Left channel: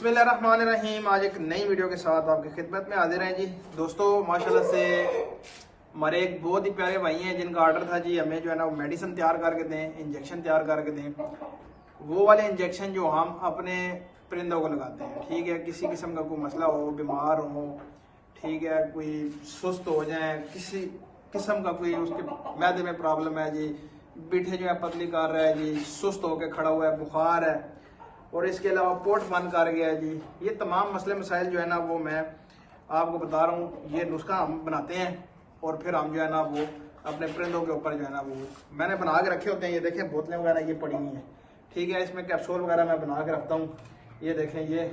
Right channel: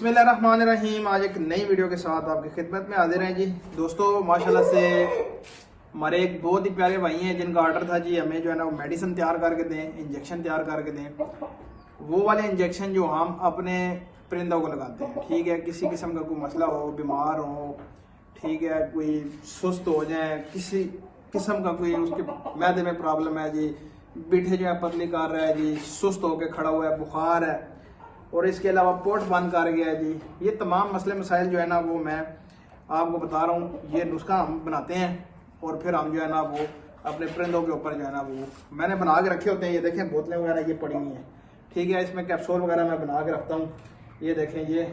बिस्मिल्लाहिर्रहमानिर्रहीम। आज एक नई वीडियो के साथ आपकी खिदमत में हाजिर हैं जी। दोस्तों माशाल्लाह से हमारे एक बहुत ही प्यारे भाई हैं जिनका ऑर्डर था जी हमें जो है ना वो मेडिसिन तैयार करके दें, इंजेक्शन तैयार करके दें। वो वाले इंजेक्शन जो हम अपने परिंदों को लगाते हैं, ठीक है। किसी किस्म का कोई मसला हो, बीमार हो, ठीक है, कोई सुस्त हो जाए, किसी किस्म का कोई उसके मैदे में प्रॉब्लम है जी, बिठे जो है पतली कर रहा है जी, सुस्त होकर खड़ा हुआ है, बुखार है और इसके अलावा पोट बंद कर गया है जी, ये तमाम मसले मसाइल जो है ना वो मैं आपको बता रहा हूँ। ये नुस्खा हम बनाते हैं और फिर हम जो है ना वो अपने परिंदों के ऊपर जो है ना वो मैंने बना के रखे होते हैं। ये देखें बोतलें वगैरह ये पड़ी हुई हैं, ठीक है। इसमें कैप्सूल वगैरह मैं बना के रखता हूँ। ये देखें, ये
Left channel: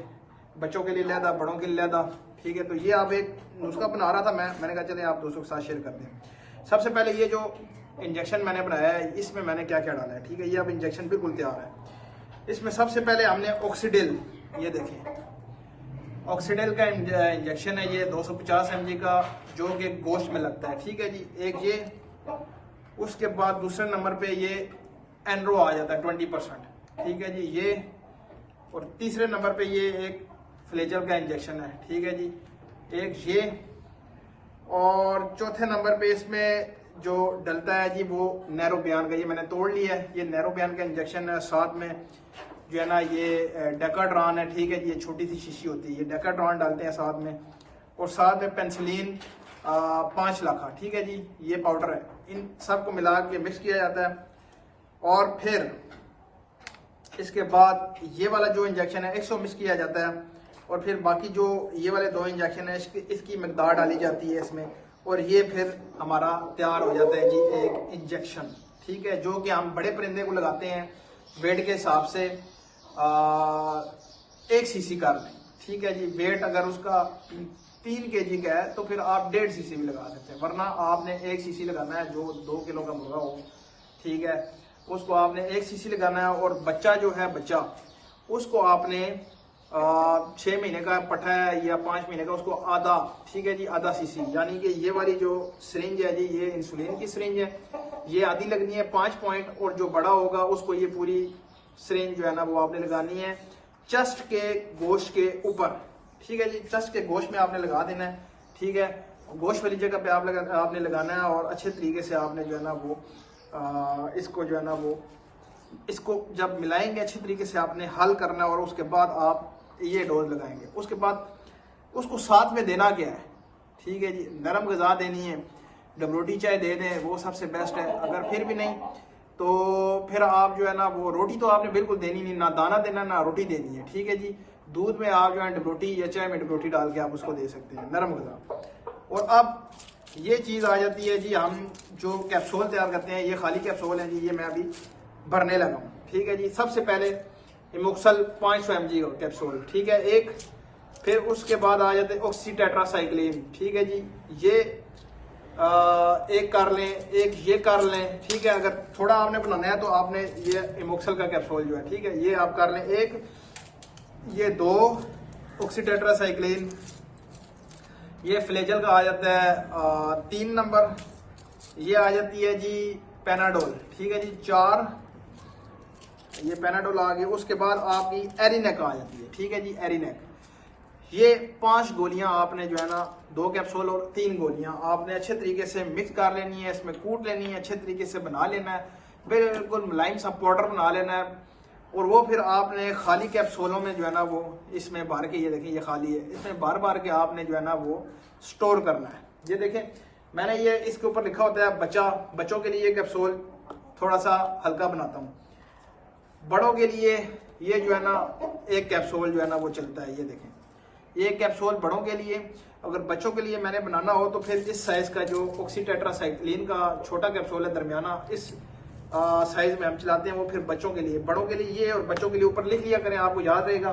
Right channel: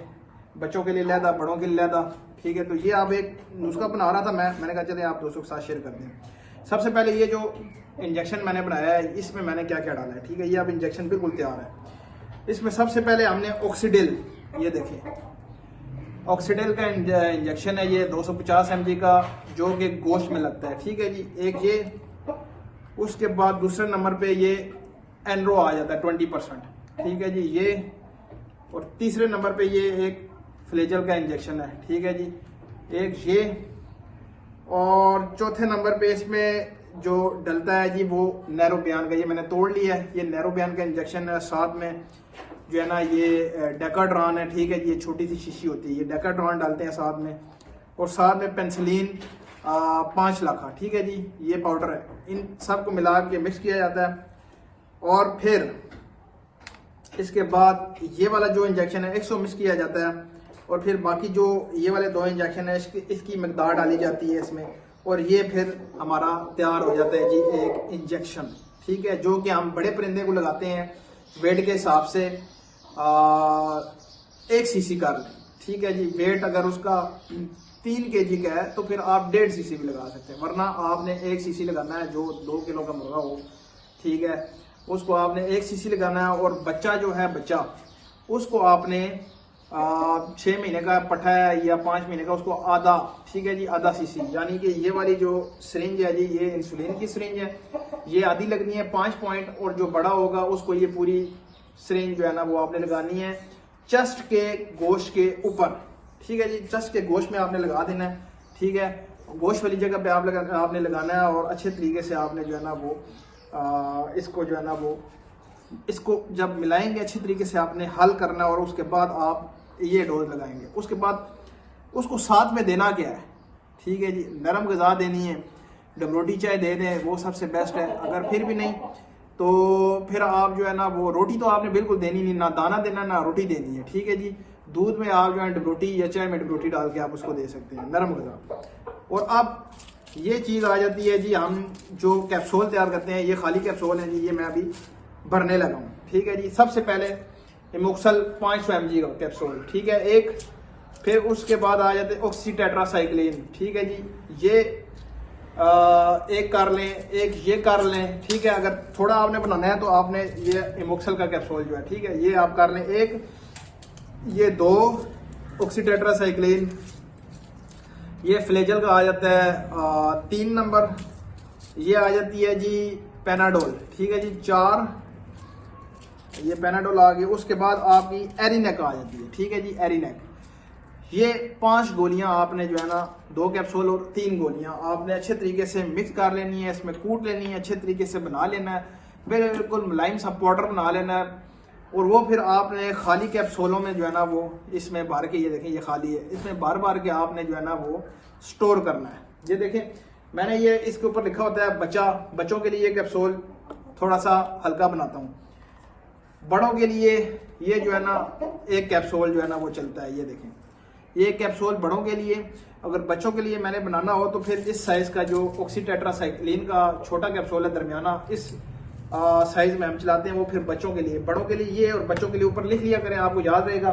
बच्चों के लिए लहदा, बड़ों के लिए लहदा, ठीक है। तो ये आप एक नुस्खा बना रहा था मैंने कहा चले आप दोस्तों के साथ शेयर करते हैं। सबसे पहले ये जो इंजेक्शन मैंने बनाया है इसमें मैंने क्या क्या डाला है, ठीक है। ये अब इंजेक्शन बिल्कुल तैयार है। इसमें सबसे पहले हमने ऑक्सीडिल, ये देखिए ऑक्सीडिल का इंजेक्शन है, ये 250 mg का जो कि गोश्त में लगता है, ठीक है जी। एक ये, उसके बाद दूसरे नंबर पे ये एनरो आ जाता है 20%, ठीक है जी ये। और तीसरे नंबर पे ये एक फ्लेजल का इंजेक्शन है, ठीक है जी, एक ये। और चौथे नंबर पे इसमें जो डलता है जी वो नैरो बयान का, ये मैंने तोड़ लिया है, ये नैरो बयान का इंजेक्शन है। साथ में जो है ना ये डेकाड्रॉन है, ठीक है जी, ये छोटी सी शीशी होती है, ये डेकाड्रॉन डालते हैं साथ में। और साथ में पेंसिलिन 5 लाख, ठीक है जी, ये पाउडर है। इन सब को मिला के मिक्स किया जाता है और फिर इसके बाद ये वाला जो इंजेक्शन है 100 मिक्स किया जाता है। और फिर बाकी जो ये वाले 2 इंजेक्शन है इसकी मकदार डाली जाती है इसमें, और ये फिर हमारा तैयार हो जाता है जी एक इंजेक्शन, ठीक है, जो कि हम बड़े परिंदे को लगाते हैं वेट के हिसाब से 1 सीसी कर लें, ठीक है जी। वेट अगर उसका 3 kg का है तो फिर आप 1.5 सीसी भी लगा सकते हैं, वरना आपने 1 सीसी लगाना है। जो 2 किलो का मुर्गा हो, ठीक है, उसको आपने 1 सीसी लगाना है। और बच्चा जो है बच्चा उसको आपने 6 महीने का पट्ठा है या 5 महीने का, उसको आधा, ठीक है जी, आधा सीसी, यानी कि ये वाली जो सिरिंज है जी ये इंसुलिन की सिरिंज है, ये आधी लगनी है 5 पॉइंट। और जो बड़ा होगा उसको ये पूरी सिरिंज जो है ना वो आपने लगानी है चेस्ट के गोश्त के ऊपर, ठीक है जी। चेस्ट के गोश्त में आपने लगा देना है, ठीक है, गोश्त वाली जगह पे आपने लगाना है। और अच्छे तरीके से आपने जो है ना वो इसको जो है ना वो इसको जब मिलाएंगे अच्छी तरीके से आपने हल करना है। और उसके बाद आप ये डोज लगाएंगे। उसके बाद उसको साथ में देना क्या है, ठीक है जी, नरम गज़ा देनी है, डबरोटी चाय दे दें, वो सबसे बेस्ट है। अगर फिर भी नहीं तो फिर आप जो है ना वो रोटी तो आपने बिल्कुल देनी नहीं, ना दाना देना ना रोटी देनी है, ठीक है जी। दूध में आप जो है डबरोटी या चाय में डबरोटी डाल के आप उसको दे सकते हैं, नरम गज़ा। और अब ये चीज़ आ जाती है जी, हम जो कैप्सूल तैयार करते हैं, ये खाली कैप्सूल है जी, ये मैं अभी भरने लगा हूँ, ठीक है जी। सबसे पहले इमोक्सल 500 mg का कैप्सूल, ठीक है, एक। फिर उसके बाद आ जाते ऑक्सीटेट्रासाइक्लिन, ठीक है जी, ये एक कर लें, एक ये कर लें, ठीक है। अगर थोड़ा आपने बनाना है तो आपने ये इमोक्सल का कैप्सूल जो है, ठीक है, ये आप कर लें एक, ये 2 ऑक्सीटेट्रासाइक्लिन। ये फ्लेजल का आ जाता है 3 नंबर। ये आ जाती है जी पेनाडोल, ठीक है जी, 4 ये पेनाडोल आ गई। उसके बाद आपकी एरिनेक आ जाती है, ठीक है जी, एरिनेक। ये 5 गोलियां आपने जो है ना 2 कैप्सूल और 3 गोलियां आपने अच्छे तरीके से मिक्स कर लेनी है, इसमें कूट लेनी है, अच्छे तरीके से बना लेना है, बिल्कुल मुलायम सा पाउडर बना लेना है। और वो फिर आपने खाली कैप्सूलों में जो है ना वो इसमें भर के, ये देखें ये खाली है, इसमें बार बार के आपने जो है ना वो स्टोर करना है। ये देखें मैंने ये इसके ऊपर लिखा होता है बच्चों के लिए ये कैप्सूल थोड़ा सा हल्का बनाता हूँ। बड़ों के लिए ये जो है ना एक कैप्सूल जो है ना वो चलता है, ये देखें ये कैप्सूल बड़ों के लिए। अगर बच्चों के लिए मैंने बनाना हो तो फिर इस साइज का जो ऑक्सीटेट्रासाइक्लिन का छोटा कैप्सूल है दरमियाना, इस साइज में हम चलाते हैं, वो फिर बच्चों के लिए। बड़ों के लिए ये और बच्चों के लिए ऊपर लिख लिया करें, आपको याद रहेगा।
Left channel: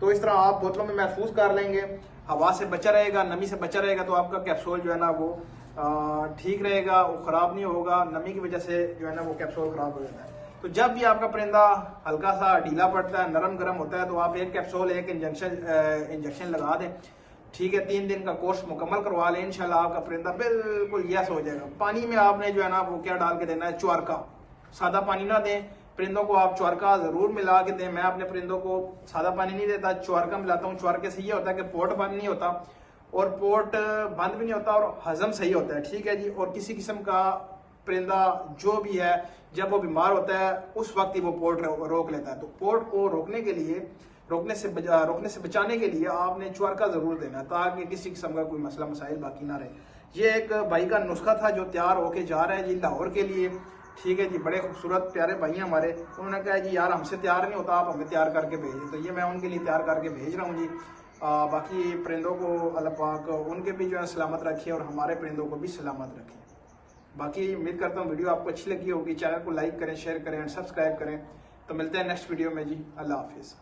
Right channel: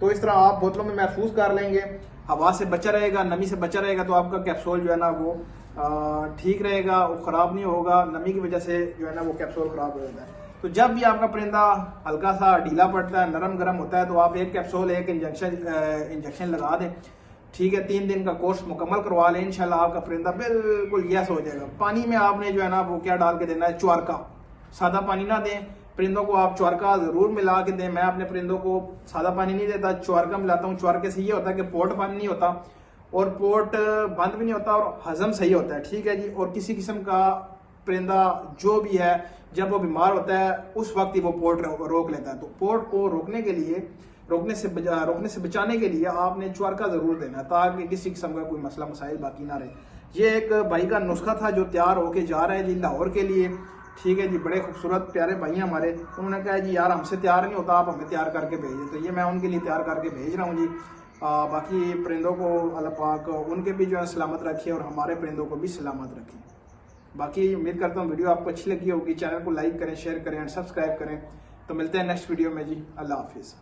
तो इस तरह आप बोतलों में महफूज कर लेंगे, हवा से बचा रहेगा, नमी से बचा रहेगा, तो आपका कैप्सूल जो है ना वो ठीक रहेगा, वो खराब नहीं होगा। नमी की वजह से जो है ना वो कैप्सूल खराब हो जाता है। तो जब भी आपका परिंदा हल्का सा ढीला पड़ता है, नरम गरम होता है, तो आप एक कैप्सूल एक इंजेक्शन लगा दें, ठीक है। 3 दिन का कोर्स मुकम्मल करवा लें, इंशाल्लाह आपका परिंदा बिल्कुल यस हो जाएगा। पानी में आपने जो है ना वो क्या डाल के देना है, च्वारका, सादा पानी ना दें। परिंदों को आप च्वारका जरूर मिला के दें। मैं अपने परिंदों को सादा पानी नहीं देता, च्वारका मिलाता हूँ। च्वारके से ये होता है कि पोट बंद नहीं होता और पोट बंद भी नहीं होता और हजम सही होता है, ठीक है जी। और किसी किस्म का परिंदा जो भी है जब वो बीमार होता है उस वक्त ही वो पोट रोक लेता है। तो पोट को रोकने के लिए, रोकने से बचाने के लिए आपने च्वारका जरूर देना है ताकि किसी किस्म का कोई मसला मसाइल बाकी ना रहे। ये एक भाई का नुस्खा था जो तैयार होके जा रहा है जी लाहौर के लिए, ठीक है जी। बड़े खूबसूरत प्यारे भाई हैं हमारे, उन्होंने कहा जी यार हमसे तैयार नहीं होता, आप हमें तैयार करके भेजिए। तो ये मैं उनके लिए तैयार करके भेज रहा हूँ जी। बाकी परिंदों को अल्लाह पाक उनके भी जो है सलामत रखे और हमारे परिंदों को भी सलामत रखे। बाकी उम्मीद करता हूँ वीडियो आपको अच्छी लगी होगी। चैनल को लाइक करें, शेयर करें एंड सब्सक्राइब करें। तो मिलते हैं नेक्स्ट वीडियो में जी। अल्लाह हाफिज़।